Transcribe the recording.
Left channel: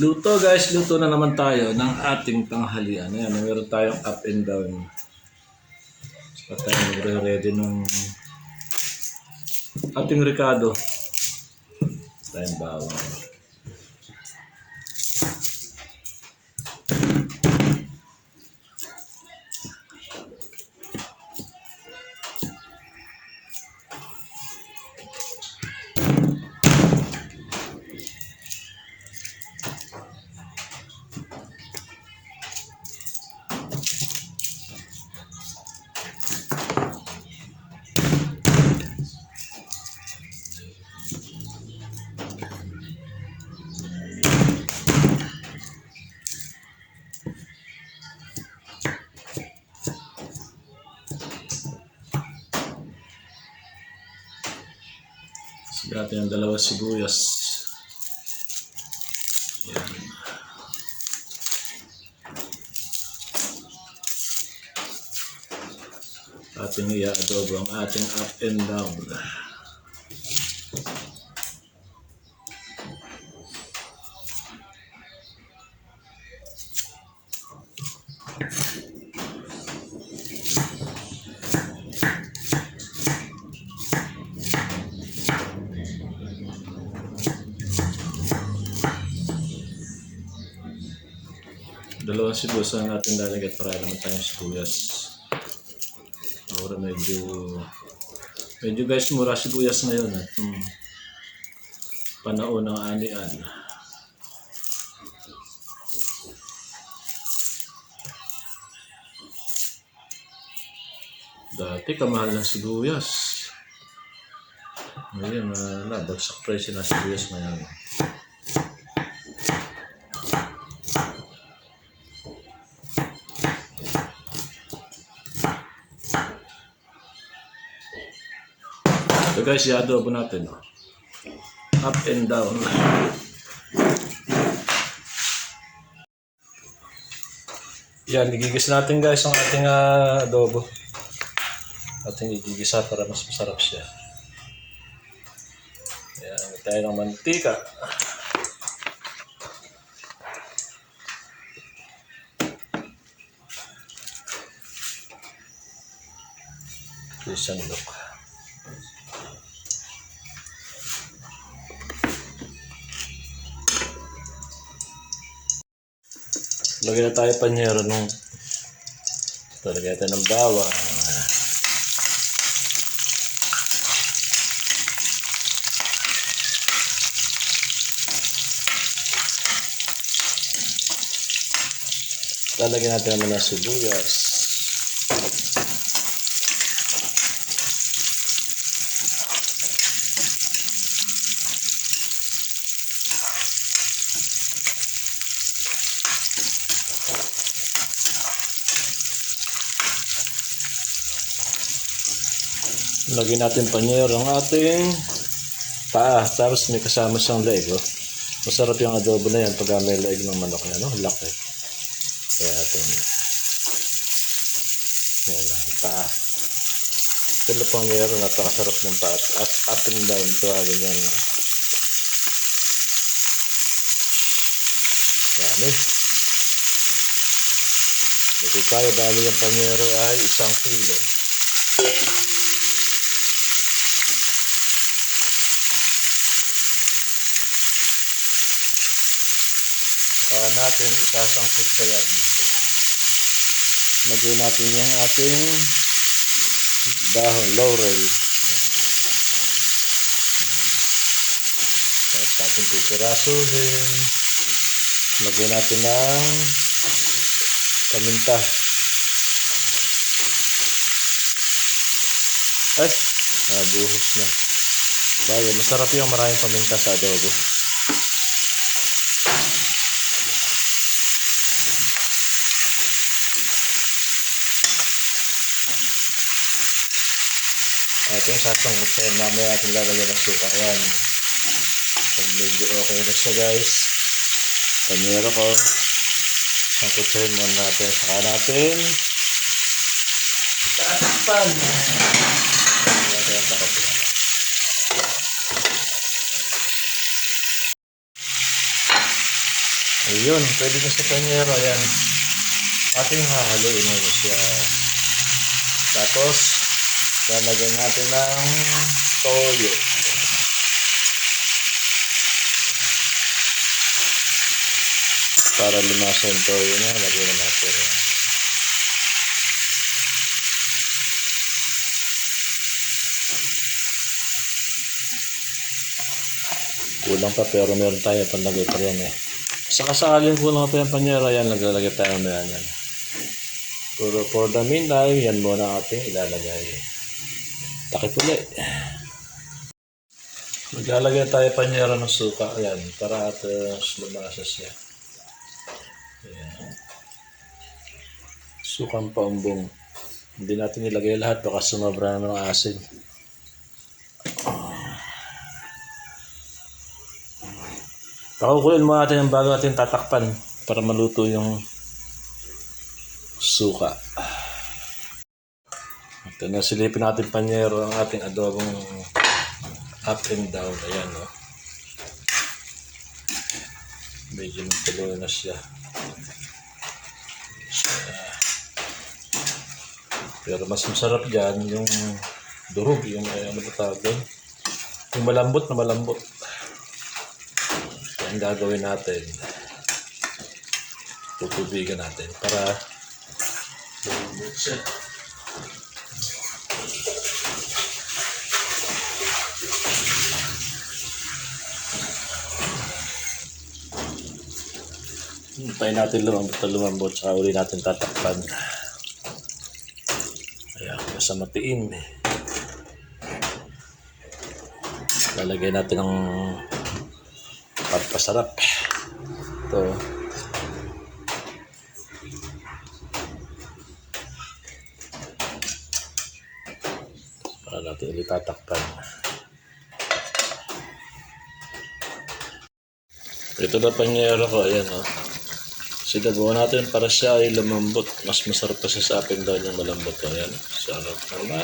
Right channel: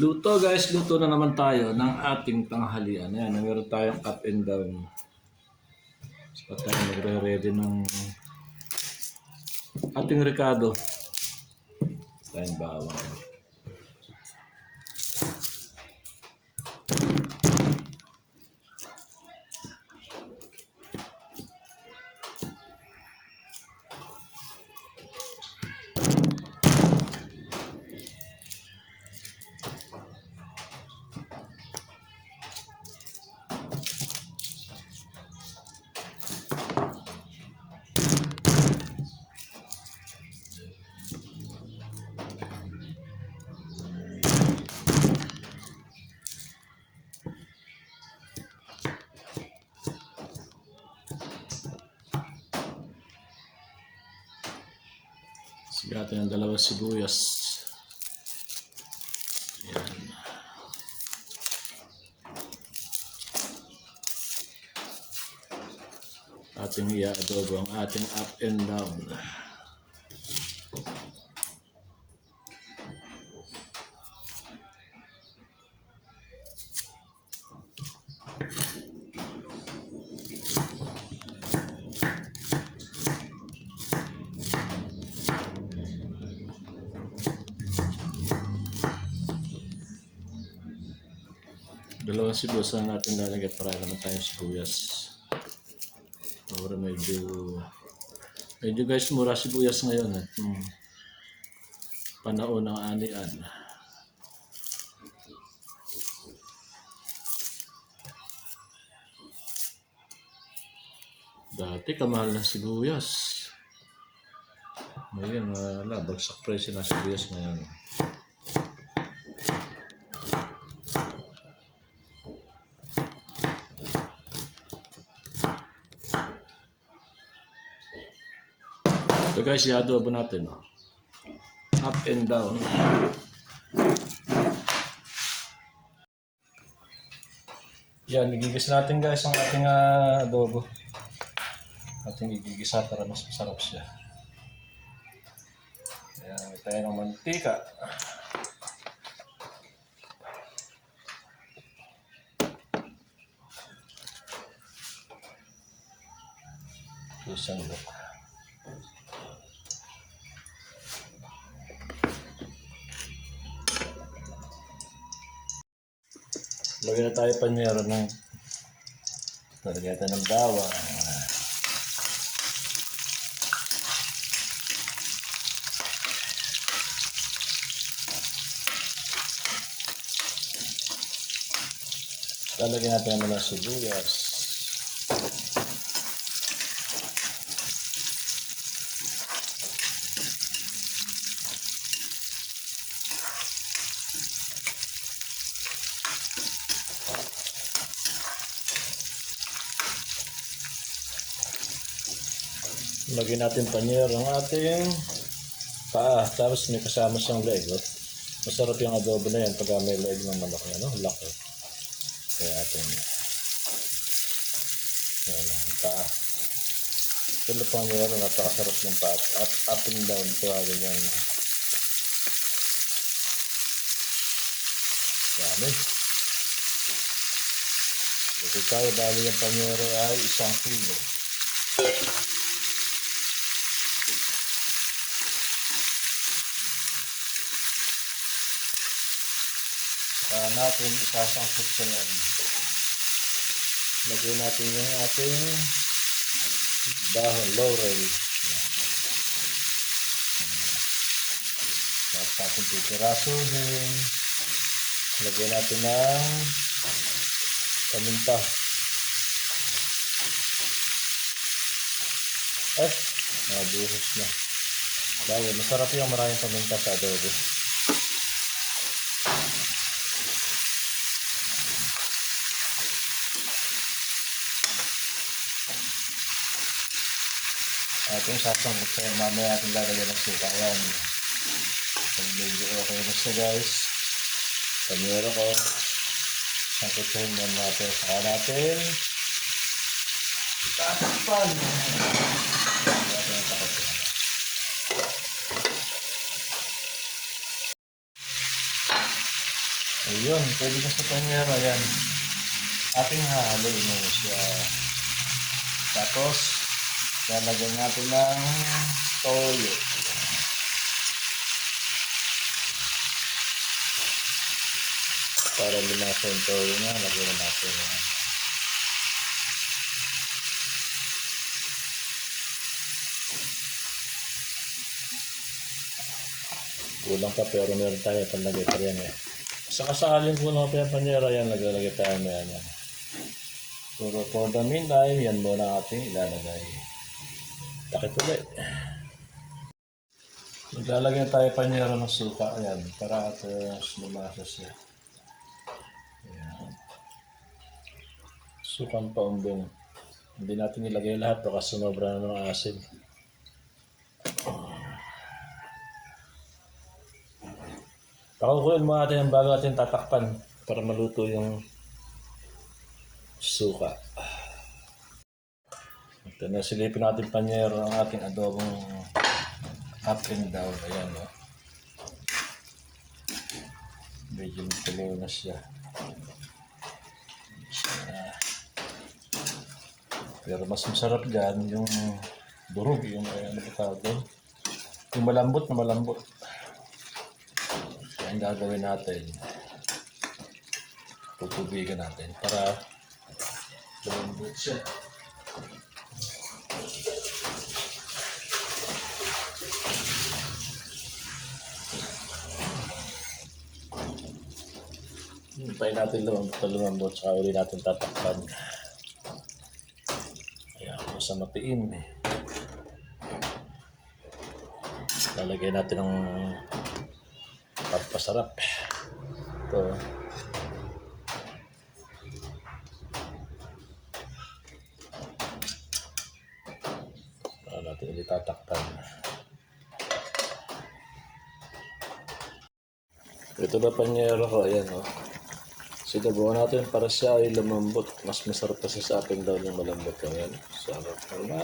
Luto guys, luto na naman tayo ng ating tanghalian. Ayan, meron tayong up and down. Saka tayo magre-ready ng ating Ricardo. Tayong bawang. Sige natin ang dalawang sibuyas. Ayan. Ating i-adobo ang ating up and down. Dalawang sibuyas ang ating lalagyan para naman tayong sibuyas. Para medyo medyo guys mura sibuyas ngayon at hmm, panahon ng anian. Dati kamahal ng sibuyas. Ngayon, wala. Bagsak presyo ng sibuyas ngayon. So guys, i-adobo natin. Up and down. Yan, igigis natin guys ang ating ah, adobo. Ating igigisa para mas masarap siya. Yan, tayo ng mantika. Sandok. Lagyan na tayo panyero nung ito, lagyan natin ng bawang. Lalagyan natin ng mga sibuyas. Lagyan natin panyero ang ating paa. Tapos may kasama siyang leg. Oh. Masarap yung adobo na yan pag may leg ng manok yan. Oh. Laki. Kaya natin. Yan na. Paa. Ito na panyero. Napakasarap ng paa. Up, up and down. Tawagin yan. Yan eh. Dito tayo dahil yung panyero ay isang kilo. Saka natin isasangkot sa yan. Lagyan natin yung ating dahon, laurel. Tapos natin pipirasuhin. Lagyan natin ng paminta. Ay, nabuhos na. Dahil masarap yung maraming paminta sa adobo. Natin sasangkot sa mamaya natin lalagyan ng suka yan pag medyo okay na siya guys panyero ko sangkutin mo natin saka natin tatakpan. Ayun, pwede na sa panyero. Ayan. Ating hahaluin mo siya. Tapos, lalagyan natin ng toyo. Para lumasa yung toyo niya, lagyan natin. Kulang pa pero meron tayo panlagay pa rin eh. Sa kasakaling kulang pa yung panyera, yan, naglalagay tayo ng yan. Pero for the meantime, yan muna ating ilalagay. Takip ulit. Maglalagay tayo panyera ng suka. Ayan, para at uh, lumasa siya. Ayan. Sukang paumbong. Hindi natin ilagay lahat, baka sumabra ng asin. Pakukulin mo natin yung bago natin tatakpan para maluto yung suka. Ito na silipin natin panyero ang ating adobong up and down. Ayan o. Medyo natuloy na siya. Pero mas masarap dyan yung durog, yung ay, ano ba tawag doon? Yung malambot na malambot. So, ang gagawin natin, tutubigan natin para malambot siya. Hintayin natin lumambot na lumambot saka uli natin tatakpan. Ayan, nasa matiin. Lalagay natin ng pagpasarap. Ito. Para natin ulit tatakpan. Ito na panyero ko, ayan o. Oh. Sinabuhan natin para siya ay lumambot. Mas masarap kasi sa akin daw yung malambot. Ayan, sarap naman.